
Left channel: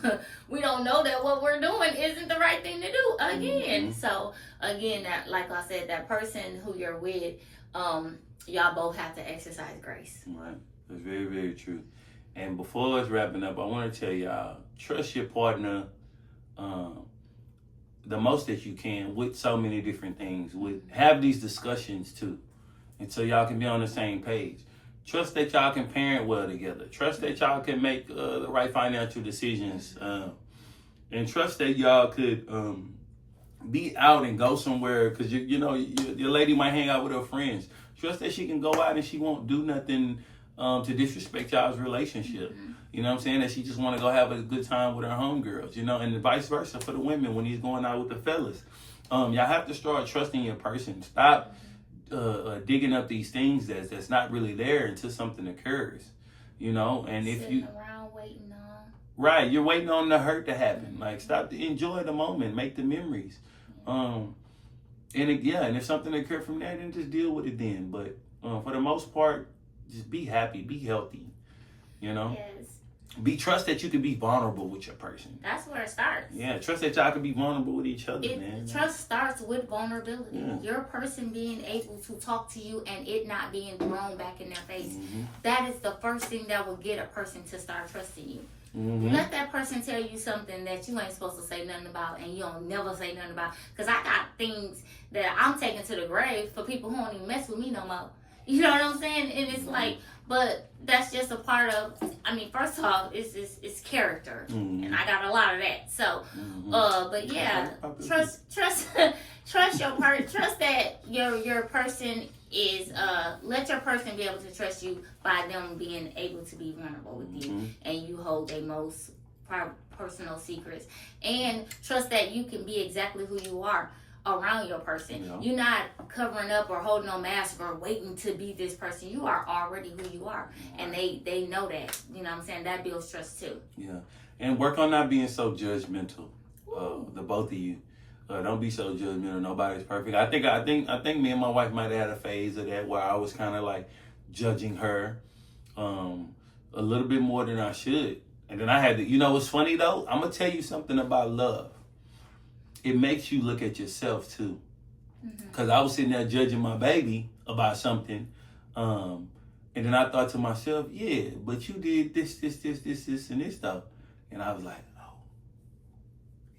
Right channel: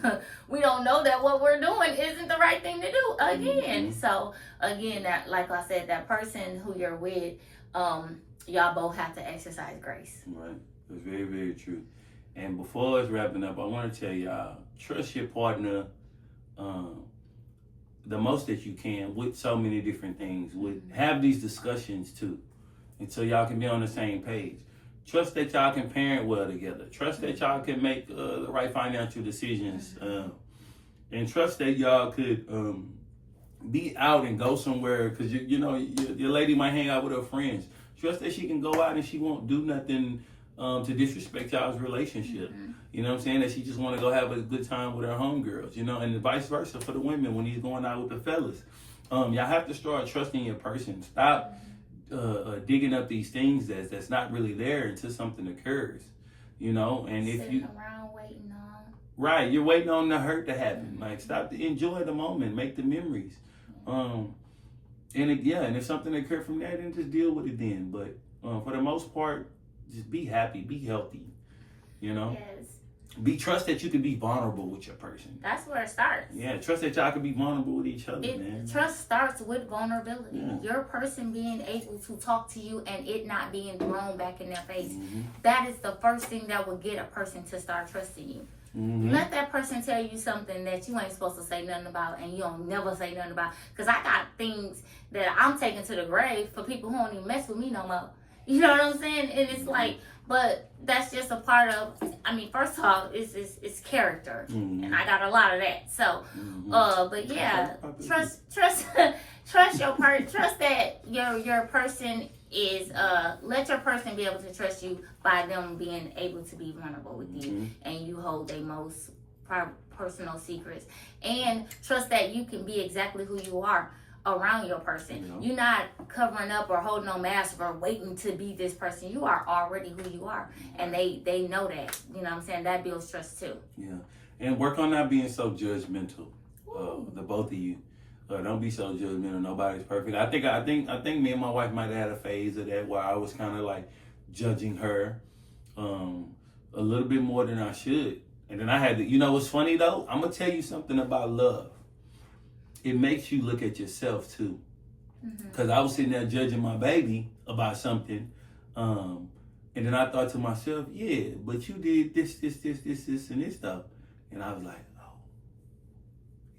We don't know that what we're doing isn't the right thing to do again. So again, that, like I said, that person who you're with, y'all both have to exercise grace. Right. That's very, very true. And before it's wrapping up, I want to tell y'all, trust your partner the most that you can with so many different things. Have these discussions too, and so y'all can be on the same page. Trust that y'all can parent well together. Trust that y'all can make the right financial decisions. And trust that y'all could be out and go somewhere, because you know your lady might hang out with her friends. Trust that she can go out and she won't do nothing to disrespect y'all's relationship. You know what I'm saying? That she just want to go have a good time with her homegirls, you know, and vice versa for the women when he's going out with the fellas. Y'all have to start trusting your person. Stop digging up these things that's not really there until something occurs, you know. And if you around waiting on, right, you're waiting on the hurt to happen. Like, stop to enjoy the moment, make the memories. And if something occurred from that, then just deal with it then. But for the most part, just be happy, be healthy, you know. Yes. Trust that you can be vulnerable with your person. That's where it starts. Yeah, trust that y'all can be vulnerable with each other, man. Trust starts with vulnerability. Yeah. Your person being able to talk to you and it not being thrown back in their face. That is the first thing that will get a person to start trusting you. Let that person tell you something that you ain't supposed to say nothing about and you don't never say nothing about. Because I got things that I'm taking to the grave for people who don't even mess with me no more. You know what I'm saying? And it's like, but that's just a part of, I mean, first of all, it's character. And I got a lot of that. So, but yeah, trust your part. Trust that your person is, let your person be able to trust you by them being able to be vulnerable with you. And you hold their most personal secrets, and trust that you can be exactly who you are around your person. You know? You're not covering up or holding on mask or waiting to be this person. You are already who you are, and they know that. You know what I'm saying? That builds trust too. Yeah, and work on not being so judgmental. The both of you, don't be so judgmental. Nobody's perfect. I think me and my wife might have had a phase of that where I was kind of like judging her a little bit more than I should, and then I had to. You know, what's funny though? I'm gonna tell you something about love. It makes you look at yourself too. Because I was sitting there judging my baby about something. And then I thought to myself, yeah, but you did this, and this stuff. And I was like, oh,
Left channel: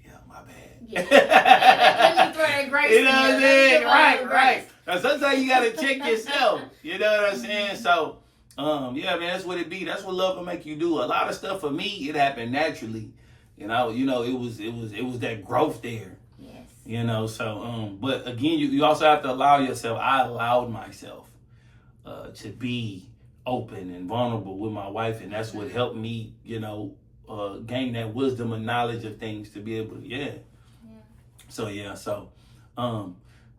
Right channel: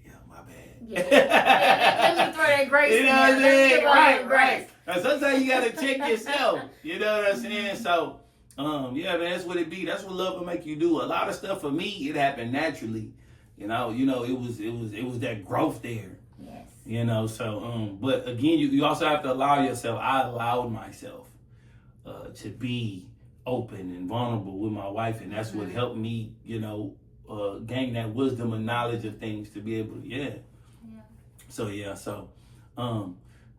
yeah, my bad. Yeah. Let me throw that grace You in know what I'm there. saying? Right. Now, sometimes you got to check yourself. You know what I'm saying? So, yeah, man, that's what it be. That's what love will make you do. A lot of stuff for me, it happened naturally. You know, it was that growth there. Yes. You know, so but again, you also have to allow yourself. I allowed myself to be open and vulnerable with my wife, and that's what helped me, you know, gain that wisdom and knowledge of things to be able to, So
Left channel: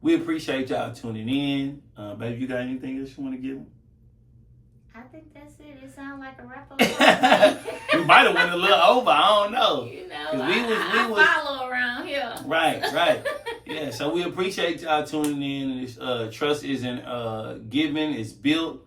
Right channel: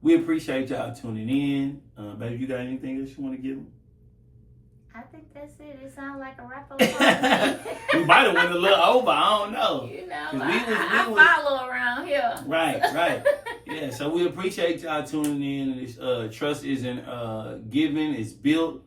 we appreciate y'all tuning in. Baby, you got anything else you want to give them? I think that's it. It sounds like a wrap up. We might have went a little over. I don't know. You know, I follow around here. Right. Yeah, so we appreciate y'all tuning in. This trust isn't given, it's built.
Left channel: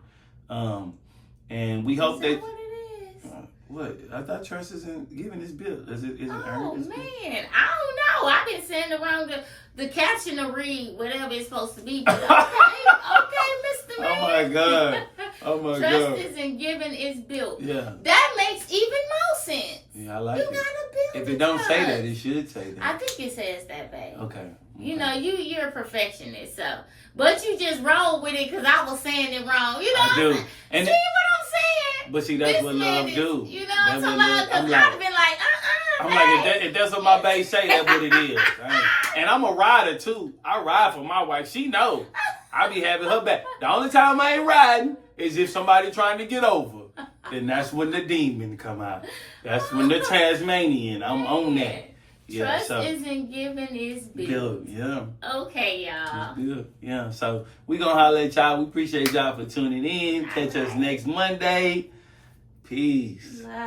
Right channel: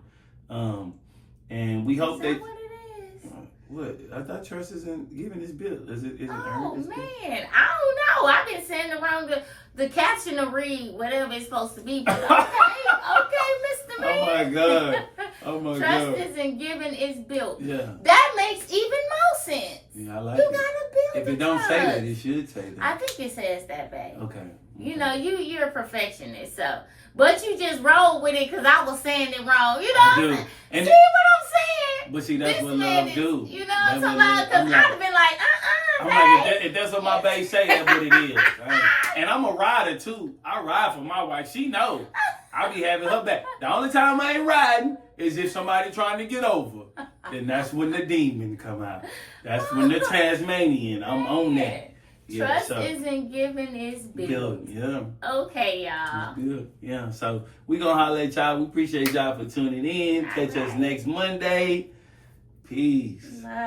And we hope Is that. What it is? What? I thought trust isn't given, it's built. Is it Oh earned? man, I don't know. I've been sitting around the catching to read whatever it's supposed to be. But okay, Mr. Man. Oh my God. Oh my Trust God. isn't given, it's built. Yeah. That makes even more sense. Yeah, I like You it. gotta build. If it don't say that, it should say that. I think it says that, babe. Okay. You know, you're a perfectionist, so but you just roll with it because I was saying it wrong. You know I what do. I'm saying? And See what I'm saying? But see, that's This what man love is, do. You know That's what I'm what talking love- about? I'm Because like- I'd have been like, I'm babe. like, if that's what my babe say, that's what it is. Right? And I'm a rider too. I ride for my wife. She know. I be having her back. The only time I ain't riding is if somebody trying to get over. Then that's when the demon come out. That's when the Tasmanian. I'm on that. Yeah, Trust isn't given, it's built. Yeah. Okay, y'all. It's good. Yeah. So we gonna holler at y'all. We appreciate y'all for tuning in. Catch us next Monday. Peace. Bye.